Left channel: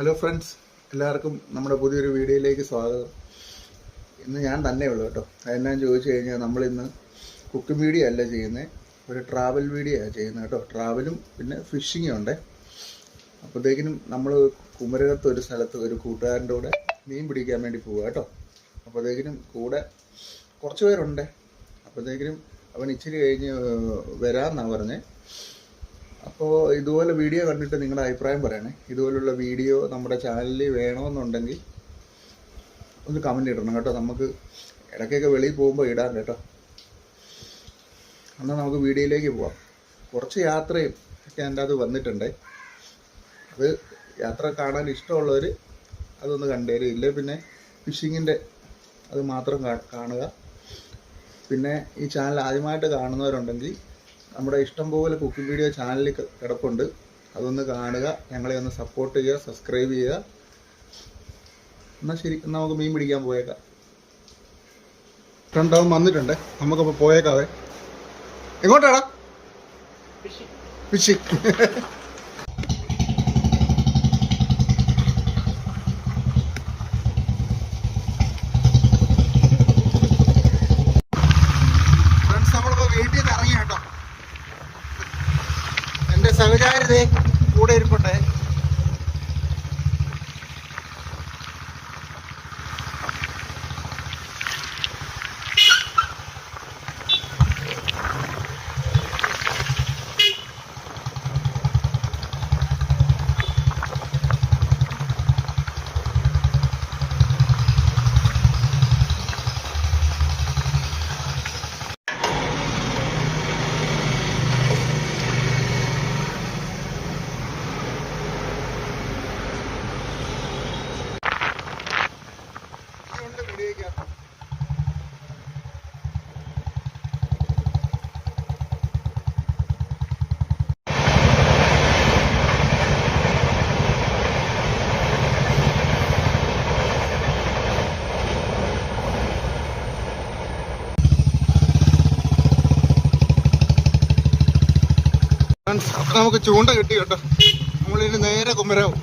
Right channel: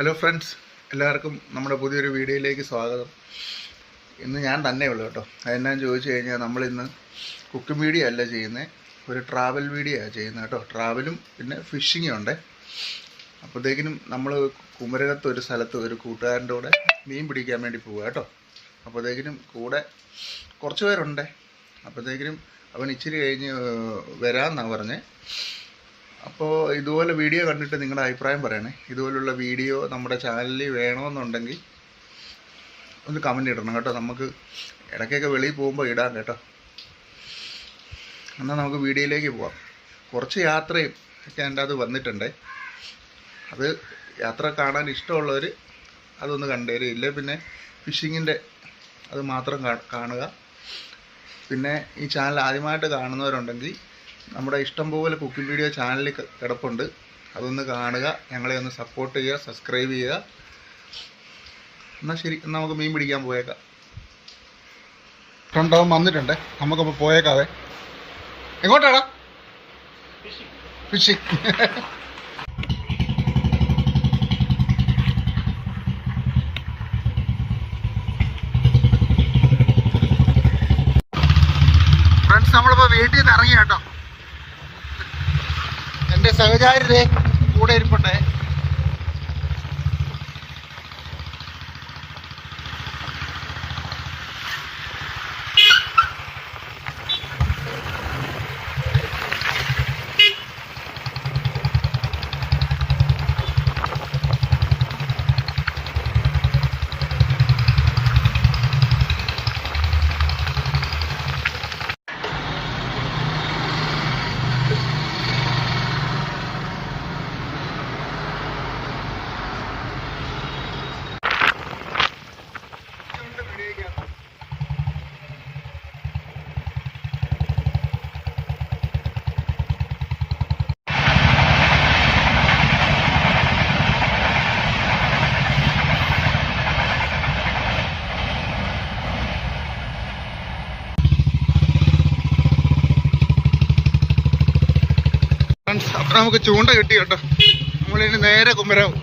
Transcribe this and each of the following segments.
Hello friends, എല്ലാവർക്കും നമ്മുടെ പുതിയൊരു വീഡിയോയിലേക്ക് സ്വാഗതം. ഇന്ന് ഞാൻ തന്നെ ഉള്ളൂ കേട്ടോ. അതെന്നാന്ന് ചോദിച്ചു കഴിഞ്ഞാൽ നമ്മളിന്ന് കുക്കിംഗ് വീഡിയോ അല്ല ചെയ്യുന്നത്, ഒരു ട്രാവൽ വീഡിയോ ആണ് ചെയ്യുന്നത് കേട്ടോ. ട്രാവലും പിന്നെ ഫിഷിങ്ങും ഉണ്ട്. അപ്പോഴത്തേക്കിനും നമ്മൾ കുമരകത്ത് ഒരു സ്ഥലത്ത് ഒരു കൂട്ടുകാരൻ്റെ കൂടെ മീൻ പിടിക്കാൻ വേണ്ടി പോവുക കേട്ടോ. അപ്പോഴത്തേക്കിനും കൂടെ കുറച്ച് പേരുണ്ട്. അപ്പോഴത്തേക്കിനും അവൻ ഇച്ചിരി കഴിഞ്ഞ് വരാമെന്നാണ് പറഞ്ഞത്. അപ്പോൾ ഇതുപോലെ വീഡിയോ കണ്ടിട്ട് നിങ്ങളുടെ അഭിപ്രായം പറയണേ. ഇതുപോലുള്ള വീഡിയോ നമ്മുടെ ചാനലിൽ വേണമെന്നുണ്ടെങ്കിൽ ഒന്ന് കമൻറ്റ് ഇടണം കേട്ടോ. നമുക്ക് ഇടയ്ക്കൊക്കെ വെളിയിൽ പോകുമ്പോൾ ഇടാം കേട്ടോ. എന്നാൽ നമുക്ക് വീഡിയോയിലേക്ക് പോവാം. കുറച്ച് യാത്രയും ഒക്കെ എൻ്റെ അത് വന്നിട്ടുണ്ട്. അത് യാത്ര കാണാൻ ഇഷ്ടമുള്ളവർ അതൊന്ന് കണ്ടുതരും. ഇല്ലേ പിന്നെ ഫിഷിങ്ങിൻ്റെ അത് മാത്രം കാണുക. പിന്നെ ഈ ചാനൽ ആദ്യമായിട്ട് കാണുന്നവരുണ്ടെങ്കിൽ നമ്മുടെ ഇഷ്ടംപോലെ കുക്കിംഗ് വീഡിയോ ചാനലിൽ കിടപ്പുണ്ട്. അതൊന്ന് കാണുക, ഞങ്ങളെ ഒന്ന് സപ്പോർട്ട് ചെയ്യുക, സബ്സ്ക്രൈബ് ചെയ്യുക. എന്നാൽ ശരി, എന്നാൽ നമുക്ക് മീൻ പിടിക്കാൻ പോയേക്കാം. രണ്ടാവും വന്നിട്ടുണ്ട്, നമുക്കപ്പോൾ പോയേക്കാവേ. എങ്ങോട്ടാടാ? ഫിഷിങ്. ഫ്രണ്ട്സ്, നമ്മളിപ്പോൾ വീട്ടിൽ നിന്ന് ഇറങ്ങി കേട്ടോ. എൻ്റെ സഹചാരിതേ കൂടെ ഇരിപ്പുണ്ടേ. അപ്പം നമുക്ക് ചൂണ്ട കിട്ടി കേട്ടോ. നമ്മളിനി നേരെ കുമരകം.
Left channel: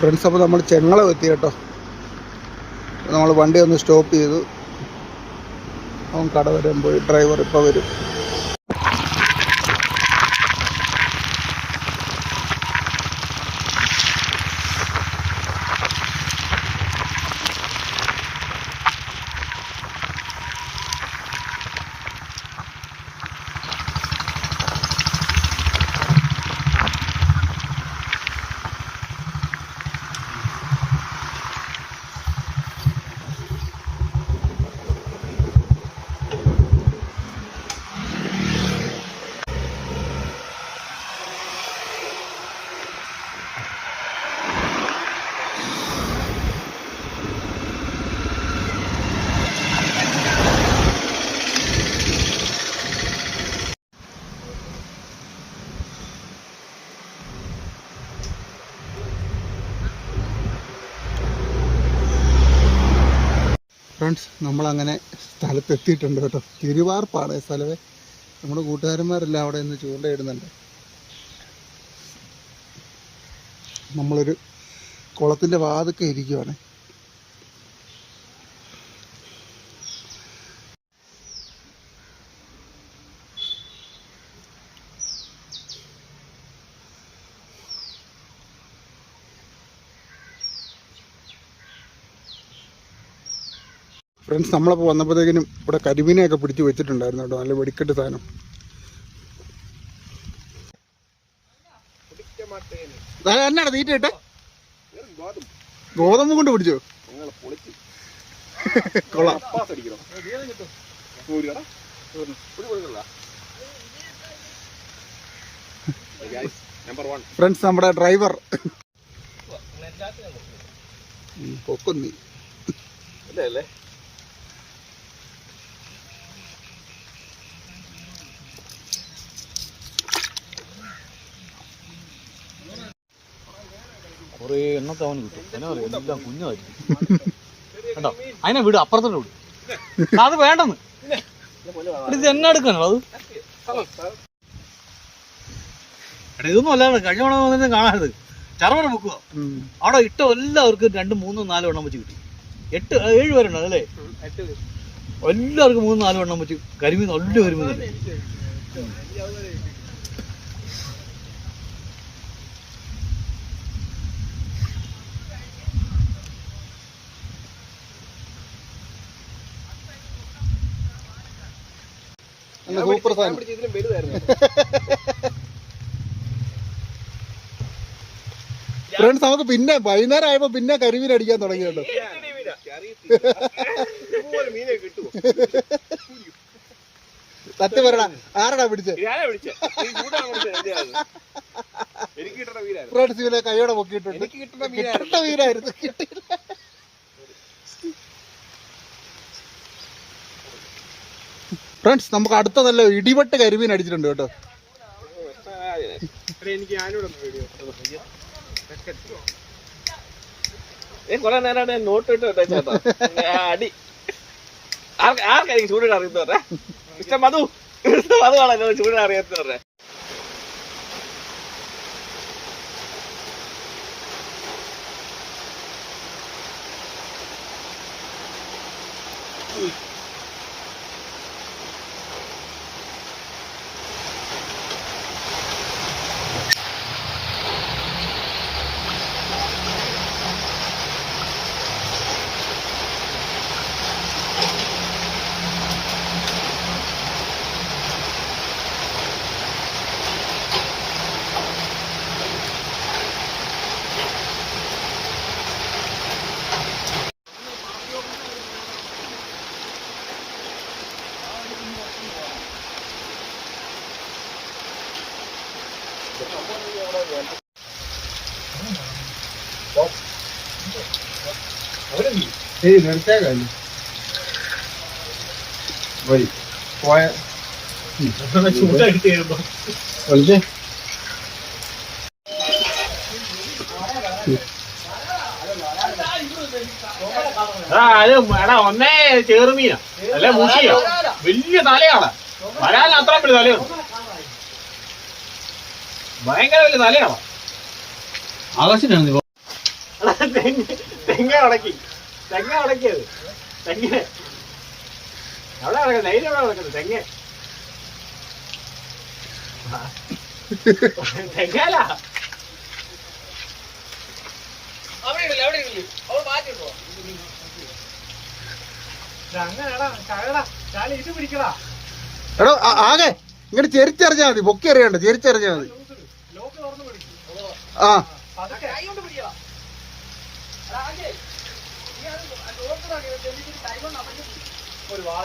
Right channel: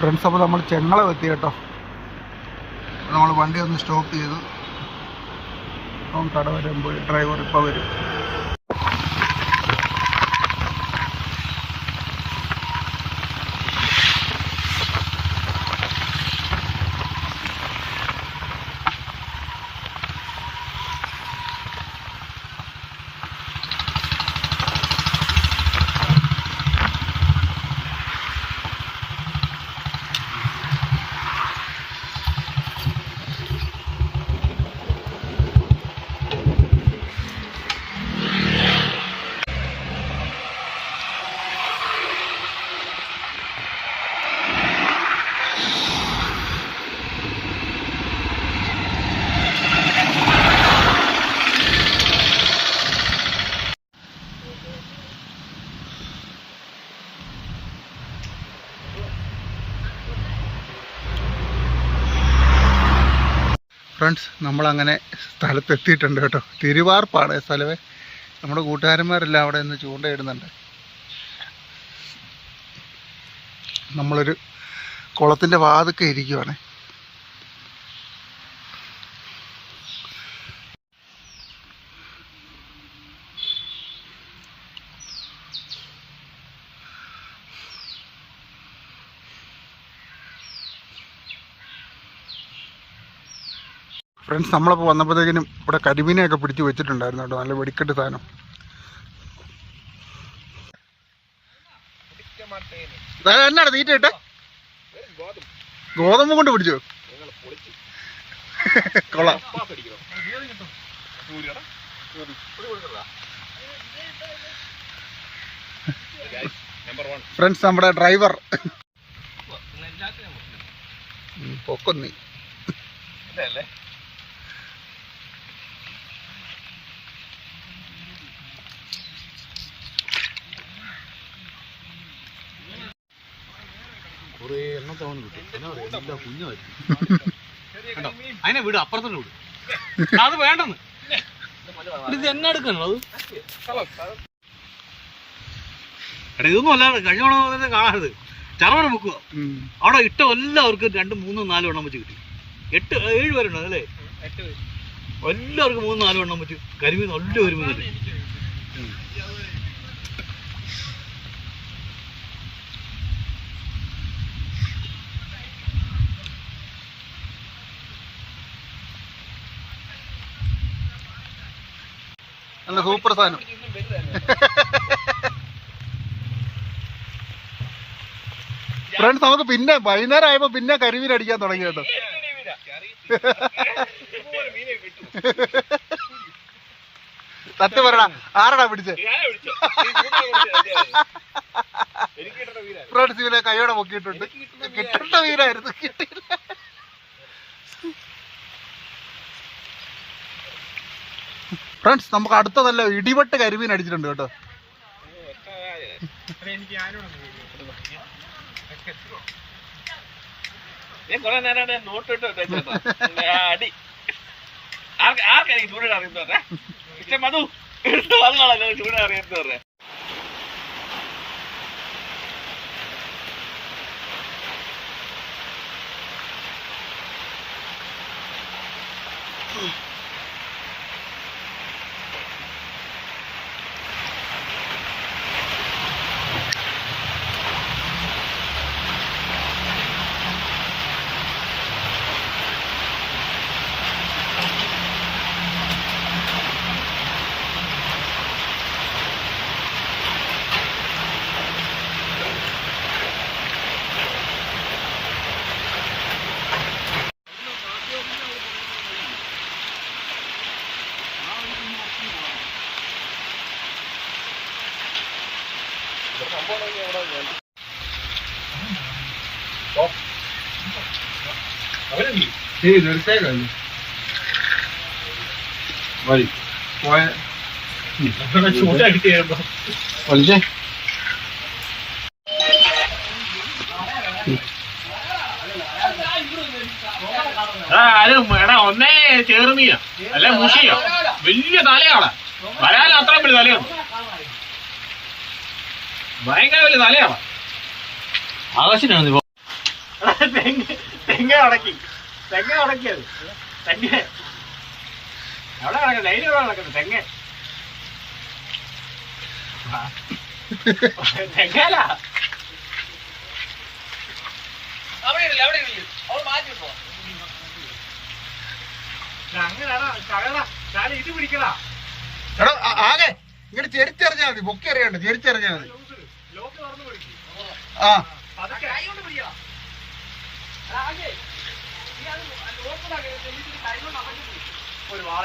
ഫ്രണ്ട്സ്, അപ്പോൾ നമ്മൾ ചെങ്ങളം എത്തി കേട്ടോ. നമ്മൾ വണ്ടി ഒന്ന് സ്റ്റോപ്പ് ചെയ്തു. അവൻ കട വരാൻ പോയി. ഡ്രൈവർ ഇപ്പോൾ വരും. ഫ്രണ്ട്സ്, നമ്മളങ്ങനെ സ്ഥലത്തെത്തിയിട്ടുണ്ട് കേട്ടോ. തിരുവാർപ്പാണ് സ്ഥലമേ. നമ്മുടെ കൂട്ടുകാരന്മാരെല്ലാം അവിടെ നിന്ന് ചൂണ്ടയിടുന്നുണ്ട്. നമ്മളൊരു കുളത്തിൻ്റെ വാതുക്കെ ഇരിക്കുവാണ്. ഫ്രണ്ട്സ്, നമ്മളപ്പോൾ വന്നപ്പോഴത്തേക്കിനും ഇവിടെ കരിമീനെയൊക്കെ പിടിച്ച് വെച്ചിട്ടുണ്ടായിരുന്നു കേട്ടോ. നല്ല വെടിക്കെട്ട് സാധനം. എന്നാണ് തീറ്റ ഇട്ടെ? ഗോതമ്പ് കൊണ്ട് പിടിച്ചോ? കൊള്ളാം. ഫ്രണ്ട്സ്, നമ്മുടെ ഡ്രൈവർ പൊക്കൊന്നി അല്ലേ? അതിനെ വിട്, അപ്പുറത്തോട്ട് വിട്. അത് വേണ്ടെന്ന്. ഇത് എന്നെ എടുക്കണോ? അത് ഇതൊന്നും അല്ലാതെ കഴിഞ്ഞ തവണ കാണാറുത് ചറവറ മുക്കുക. അവിടെ ഇട്ട എല്ലാവർക്കും 2, 3, 4 എണ്ണം വെച്ച് കിട്ടി. 7 പേരുണ്ടോ അല്ലേ? എല്ലാവർക്കും 3, 4 എണ്ണം വെച്ച് കരിമീൻ നല്ല കരിമീൻ. നല്ല സൂപ്പർ സാധനം. ഫ്രണ്ട്സ്, നമുക്ക് പിന്നെ വൈകുന്നേരം ആയപ്പോ പിന്നെ കരിമീൻ അടിക്കാൻ തുടങ്ങി കേട്ടോ. സത്യം പറയടാ, ആരടാ പിടിച്ചേ? ഫ്രണ്ട്സ്, ഇവനെ കൈയോടെ പൊക്കിയിട്ടുണ്ട്. കിട്ടേണ്ട മീനായിരുന്നു, കിട്ടിയില്ല. ഫ്രണ്ട്സ്, നമുക്ക് അടുത്ത നല്ല ഇടിവെട്ട് കരിമീൻ അടിച്ചിട്ടുണ്ട് കേട്ടോ. കൊറേ നേരം നോട്ട് ഇട്ട് അടി. ആർക്കായിരിക്കും ചൂടിടാൻ അറിയുന്നവരെ? ഇഷ്ടം മധു കാണാനോ ചൂടിടാൻ അറിയാത്തവരെ. ഒന്നേ ചേർമീന അല്ല മുഷിയ വലിയ തലയാണ്. വരാൻ അത്രയും വലിയ തലയാണ്, ഭയങ്കര വലിയ തലയാണ്. ആകാശിനാണ്. തെങ്ങ ഉടക്കി ഉടക്കിയത് തെങ്ങ എവിടെ കിടക്കുന്നത് നെയ്യിലെവിടെ കിടക്കുന്നത് തെങ്ങല അങ്ങനെടാ തകടാ ഞാൻ ഇത് പിടിക്കടാ എടോ ആകെ ഇങ്ങോട്ട് ചെരിച്ചറിഞ്ഞാൽ മതി, പൊക്കി അറിയണ്ട, ചെരിച്ചറിഞ്ഞാൽ മതി. ലോക്ക് തുറന്ന് പിടിക്കും ആ കൈ കൊണ്ട് പിടിക്കടാ ഒരു വാള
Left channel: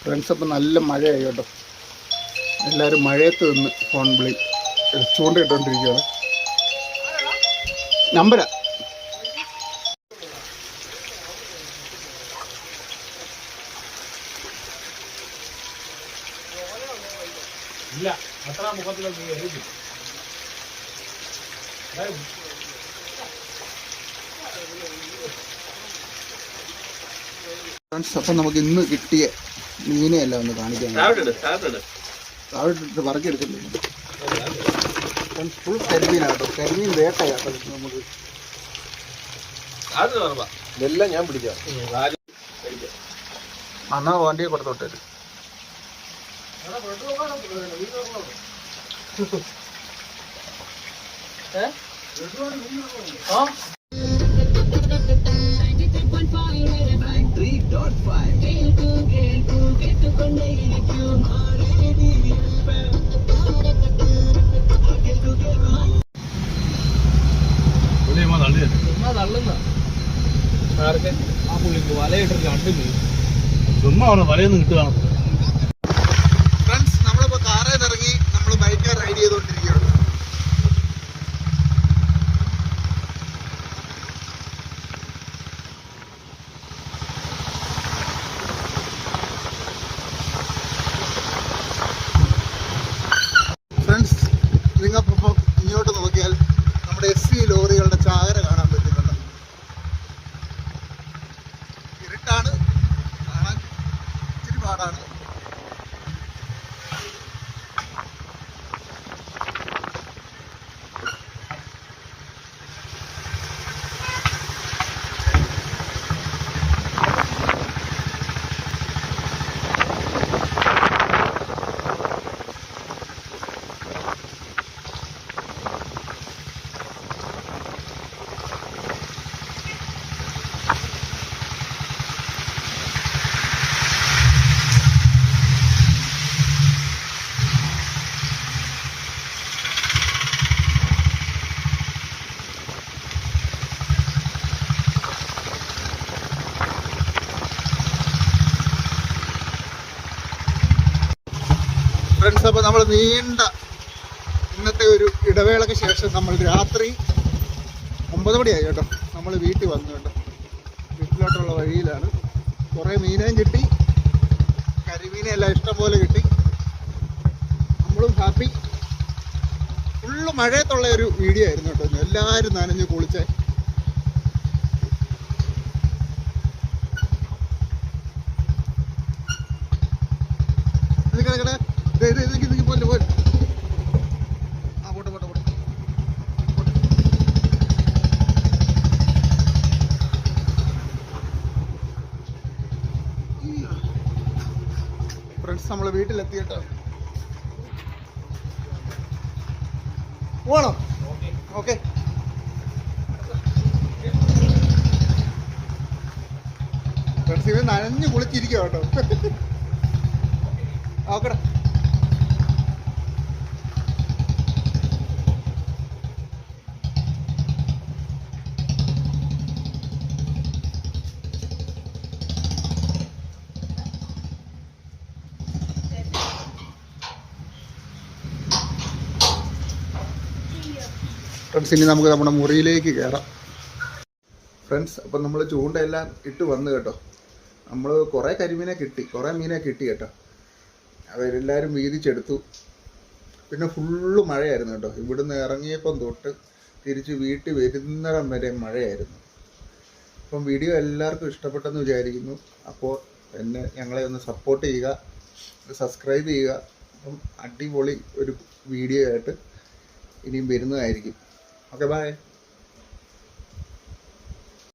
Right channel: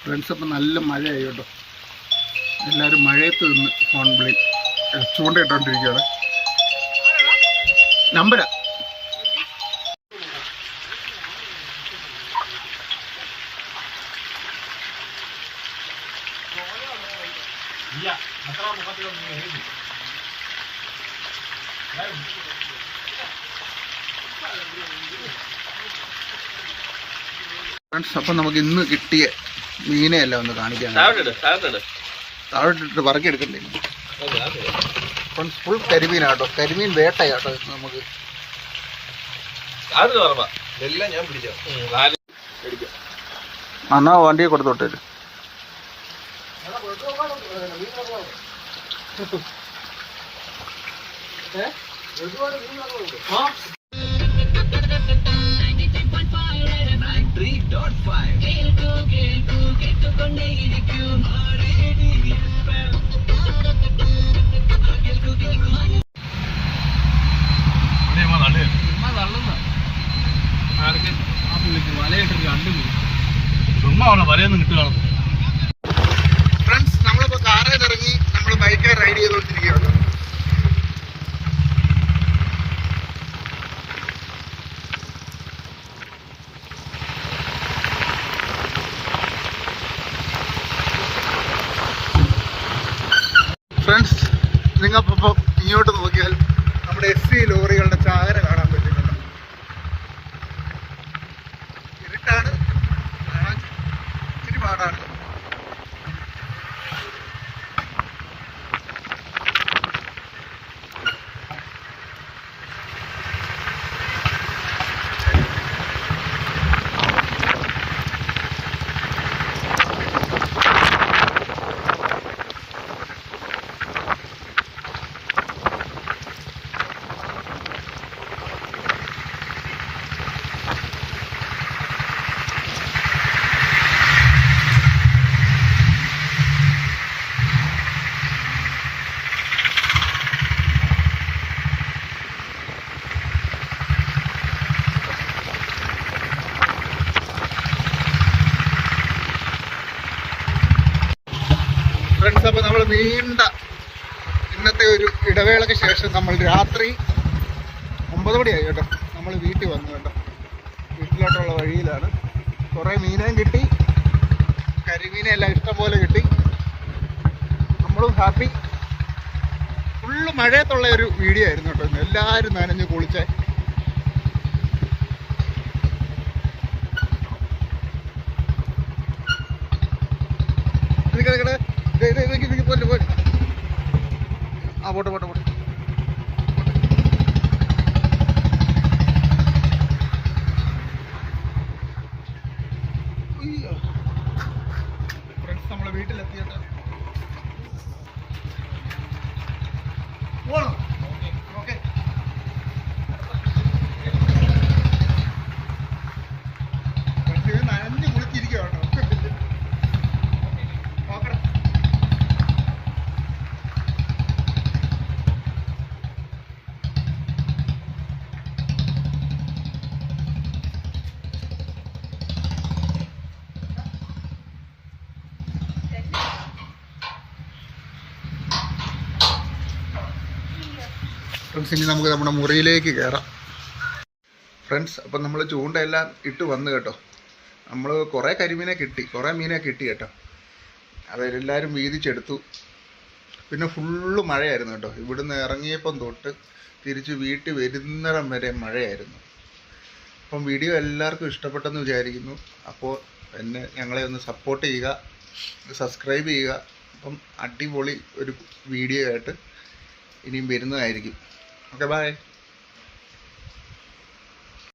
ഫ്രണ്ട്സ്, അപ്പം നല്ല മഴയായി കേട്ടോ. എല്ലാവരും മഴയത്ത് നിന്ന് ഫോൺ വിളി ചൂണ്ടയിട്ടോണ്ടിരിക്കുകയാണ്. നമ്പരാ ഇല്ല അത്ര മുഖത്തിലൊന്നും എഴുതി ഫ്രണ്ട്സ്, അപ്പം നമുക്ക് ഇന്ന് കിട്ടിയ മീനെയല്ല ഒന്ന് കാണിക്കാൻ. താഴെ ഇട്ടിട്ട് പറക്കിയെടുക്കണ്ടേ ഫ്രണ്ട്സ്? ഫുൾ കരിമീനാട്ടോ, കരിമീൻ വേട്ടയാട്ടോ ഇത് നമുക്ക്. ഇതെല്ലാം ഞാൻ പിടിച്ച അന്നാ വണ്ടിയെ കൊടുത്തോട്ടെ. ചുമ്മാ വലയൊന്നും കിട്ടുകയാണ്. ഫ്രണ്ട്സ്, നമ്മളിപ്പോ കാറിൽ ഇറങ്ങി നമ്മൾ ബൈക്കിൽ റൈഡ് ചെയ്തോണ്ടിരിക്കുകയാണ്. ഫ്രണ്ട്സ്, നിങ്ങൾക്കിപ്പോൾ ഇങ്ങോട്ട് നോക്കിയാൽ നമ്മുടെ SC ലോറികളുടെ ചാകര കാണാൻ പറ്റുന്നുണ്ട്. ഇരുട്ടാണ്, കാണാൻ ഇച്ചിരി പാടാണ്. ഫ്രണ്ട്സ്, അപ്പോൾ നമ്മൾ നീണ്ട ഇന്നത്തെ ഒരു ഇടവേളയ്ക്ക് ശേഷം നമ്മൾ രാത്രി 9 മണിയായി കേട്ടോ. നമ്മൾ വീട്ടിൽ വന്നു കേട്ടോ. വീട്ടിലോട്ടുള്ള വഴിയിലാണ്. കുറേ മീനേയും കിട്ടി, കരിമീനെല്ലാം ഇഷ്ടം പോലെ കിട്ടി. നമ്മളും ഹാപ്പി. ഫുള്ള് മഴയത്തുള്ള ഒരു വീഡിയോ ആയിരുന്നു കേട്ടോ. ഇന്ന് എല്ലാവരും നനഞ്ഞ് കുളിച്ചേ. പോലെ ആ പോട്ടെ പോട്ടെ പോട്ടെ. ഫ്രണ്ട്സ്, നമ്മൾ വീട്ടിലെത്തി കേട്ടോ. പോണോ? ഓക്കെ. ഫ്രണ്ട്സ്, ഇത് നനഞ്ഞ് കുളിച്ചിരിക്കുക കേട്ടോ. ഓക്കെടാ. ഫ്രണ്ട്സ്, ഇനി നമുക്ക് നമ്മുടെ മുറിയിലേക്ക് കയറാം. ഫ്രണ്ട്സ്, അപ്പം നമ്മൾ ചൂണ്ടയെല്ലാം ഇട്ട് വന്നു കേട്ടോ. നമ്മൾ കുറേ കരിമീനെ കിട്ടി, കുറേ മീനെ കിട്ടി കേട്ടോ. അവരെല്ലാവരും വീതിച്ചെടുത്തു. പിന്നെ ഫുള്ള് മഴയായിരുന്നു കേട്ടോ. ഇവിടുന്ന് ഇറങ്ങിയപ്പം തൊട്ട് തിരിച്ച് വീട്ടിൽ വരുന്നിടം വരെ മഴയായിരുന്നു. അപ്പം വീഡിയോ എല്ലാവർക്കും ഇഷ്ടപ്പെട്ടെന്ന് വിചാരിക്കുന്നു. അപ്പോൾ ഞങ്ങളെ ഒന്ന് സപ്പോർട്ട് ചെയ്യുക, സബ്സ്ക്രൈബ് ചെയ്യുക. അപ്പം അടിപൊളി ഒരു വീഡിയോ ആയിട്ട് ഇനിയും വരുന്നതായിരിക്കും. Okay, by.